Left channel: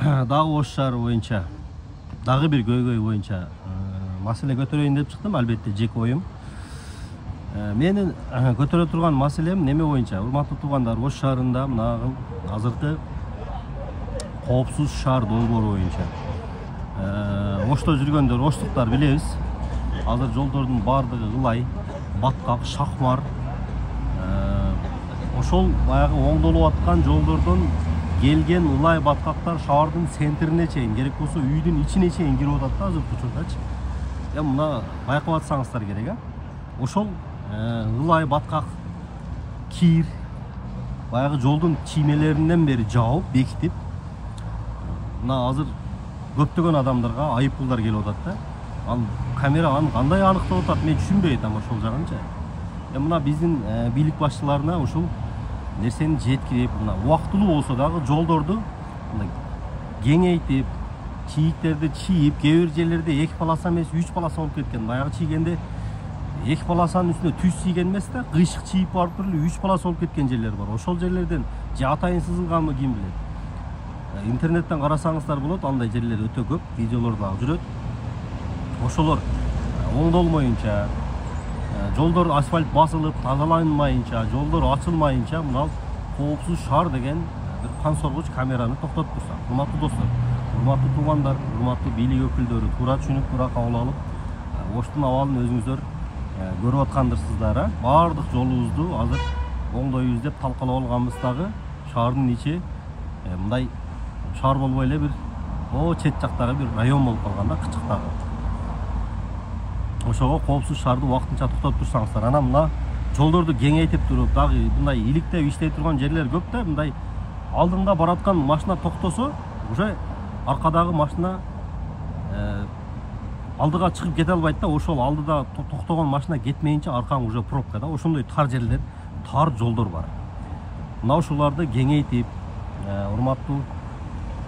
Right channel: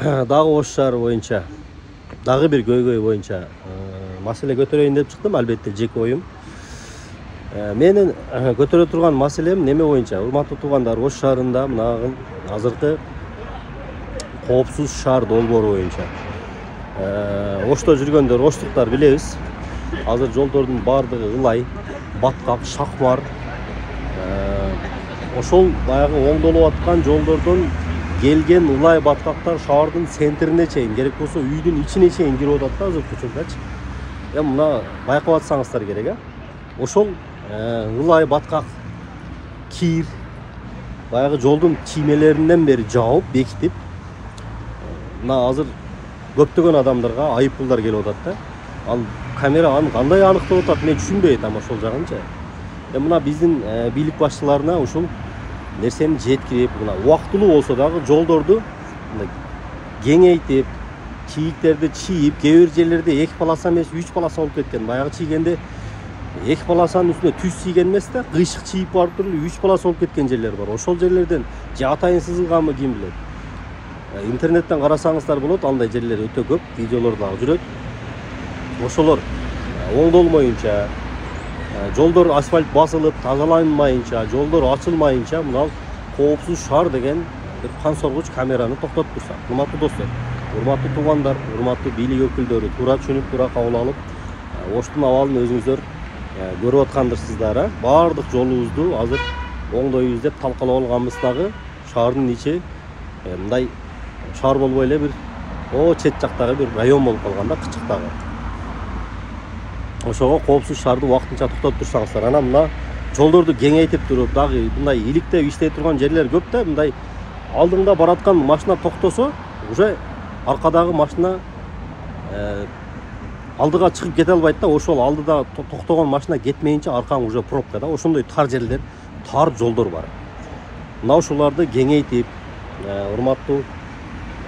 дагы Ош шаары боюнча, дагы бир көйгөй боюнча маселе көтөрөйүн деп чыктым. Албетте жеке оюм. Менин көтөрө турган маселем неме боюнча? Урматтуу туугандар, Ош шаарында мына азыркы коопсуз шаар долбоору боюнча. Ошто жүргөндөр, оштуктар билебиз. Азыр жолдордун бардыгы ылай, баткак, шакмар. Ошол баягы оңдолуп аткан жолдордон келген ылай баткактар шаардын центрине чейин, керек болсо үйдүн ичине чейин кирип атат да азыркы учурдачы. Мына байкап атсаңыздар керек, ошол ылай баткак кир баягы жолдун чиймелеринен бери жаап, бекитип, мына азыр көптөгөн адамдарга айып пулдар келип атат да. Ал камера аны кандай аныктап атат, мен түшүнбөй атам ошол жагынчы. Мына биздин бийлик башчыларына ушул нерсени жеткирип, мына убактылуу болсо дагы жолдорду кеңейтип, чийиктерди чийип, кээ бир жерлерде 2 полоса эмес 3 полоса болуп кеткен. Баягы чийгенде 2 полосанын үстүнө түз чийген эмес да, кыйшык чийип барып туруп 3 полоса болуп кеткен жерлер бар. Ошол жерлерден же атайын сызылганбы, ким билет. Интернеттен карасаңыздар болот, андай жерлер өтө көп, видеолор дагы жүрөт. Ошолор оңдолмоюнча, жолдор асфальт басылып, тазаланмайынча, жолдор ачылмайынча, мына коопсуз шаар деген бир кан соргуч камераны токтотуп турсак. Урматтуу достор, урматтуу туугандар, урматтуу бийлик өкүлдөрү, туура түшүнүп, туура кабыл алып, Оштун абалын өзүңүздөр көрүп аткандырсыздар. Баардык жолубузду азыр оңдойбуз деп талкалап алганбыз дагы. Шаардын ичи мындай шаар болбой эле бир чет жактагы бир район болуп калган да, кычыктагы. Ошого коопсуз шаарды убактынча токтотуп турсаңыздар. Анан мына жолдорду кеңейтип туруп, дагы мындай иликтеп иштей турган жерлер көп да. Мындай алдыңда бараткан машина токтосо, уже аркадагы машина алдыга чыгып кете албайт да. Ошол алдыда токтогон машина кетмейинче аркаң уже пробка да. Ошондой тар жерлер, тар жолдор бар. Мына ушуларды кеңейтип, урматтуу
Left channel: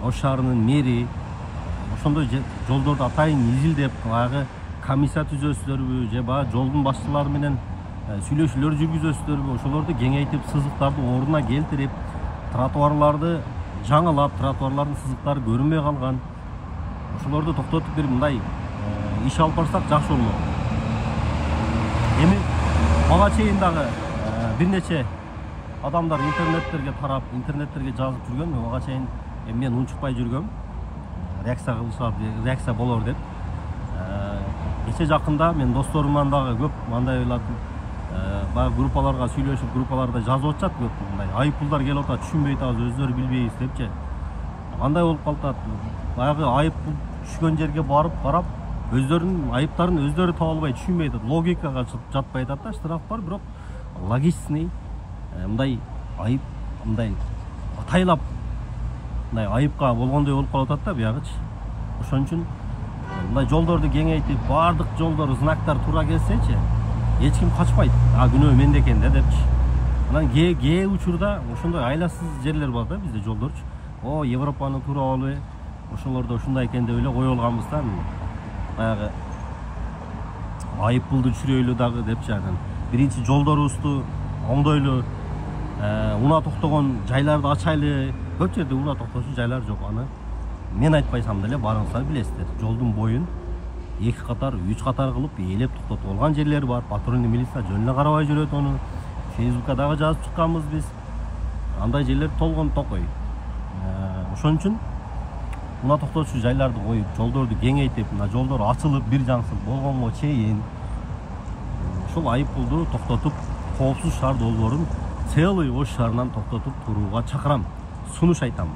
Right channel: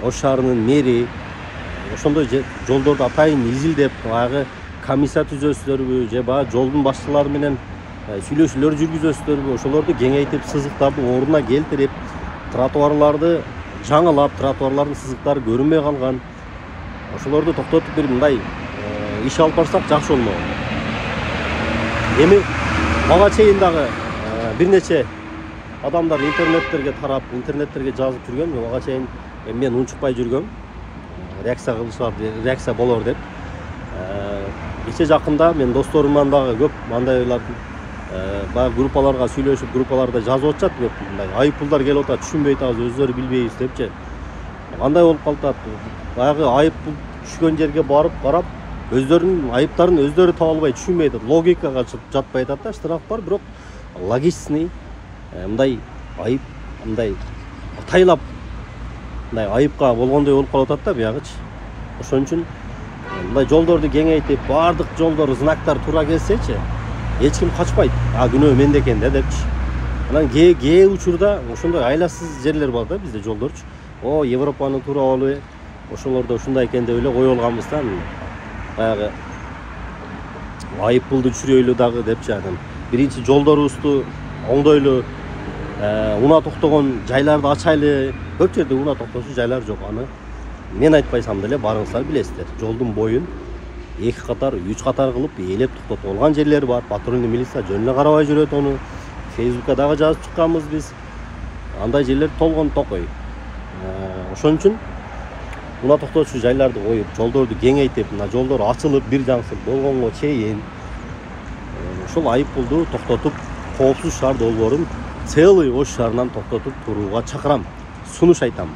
Ош шаарынын мэри ошондой жолдорду атайын изилдеп, баягы комиссия түзөсүздарбы, же баягы жолдун башчылары менен сүйлөшүүлөр жүргүзөсүздарбы, ошолорду кеңейтип, сызыктарды ордуна келтирип, тротуарларды жаңылап, тротуарлардын сызыктары көрүнбөй калган. Ошолорду токтотуп бир мындай иш алып барсак жакшы болмок. Эми мага чейин дагы бир нече адамдар интернеттерге тарап, интернеттерге жазып жүргөн, мага чейин мен унчукпай жүргөм. Реакция кылышар, реакция болор деп. Кече жакында мен досторумдан дагы көп мындайлар баягы группаларга сүйлөшүп, группаларда жазып атышат көп, мындай айып пулдар келип атат, түшүнбөй атабыз, өздөрү билбейбиз депчи. Кандай болуп калат? Баягы айып пул түшкөн жерге барып карап, өздөрүнүн айыптарын өздөрү таба албай, түшүнбөй атат, логикага жатпай атат да. Штраф бар, бирок логичный мындай айып, мындай атайлап мындай айыпка болгондой болуп калып атат да биягычы. Ошон үчүн мындай жолдорду кеңейтип, баардык жолдор, знактар туура келсечи, эч ким качпайт. Күнөө менде экен да депчи. Анан кээ учурда ошондой айласыз жерлер бар да бизде жолдорчу. Европанын туура болобу? Ошолордо ушундай экен деп эле кое алганбыз да. Баягы айып пулду түшүрөйлү дагы депчи. Анан биринчи жолдорубузду оңдойлу, унаа токтогон жайларды ачайлы. Көп жерде унаа токтоочу жайлар жок. Аны мен айтпайсам деле барыңыздар билесиздер. Жолдун боюн 2 катар, 3 катар кылып ээлеп токтотуп алган жерлер бар. Патрульный милиция жөн эле карабай жүрөт ону. Фейсбукка дагы жазып чыкканбыз биз. Андай жерлер толгон токой. Ошон үчүн унаа токтоочу жайларды коюп, жолдорду кеңейтип, мына жолдор ачылып, бир жансыз болгонго чейин ошол айып пулду токтотуп, коопсуз шаар долбоорун целый Ош шаарынан токтотуп турууга чакырам. Сунуш айтам.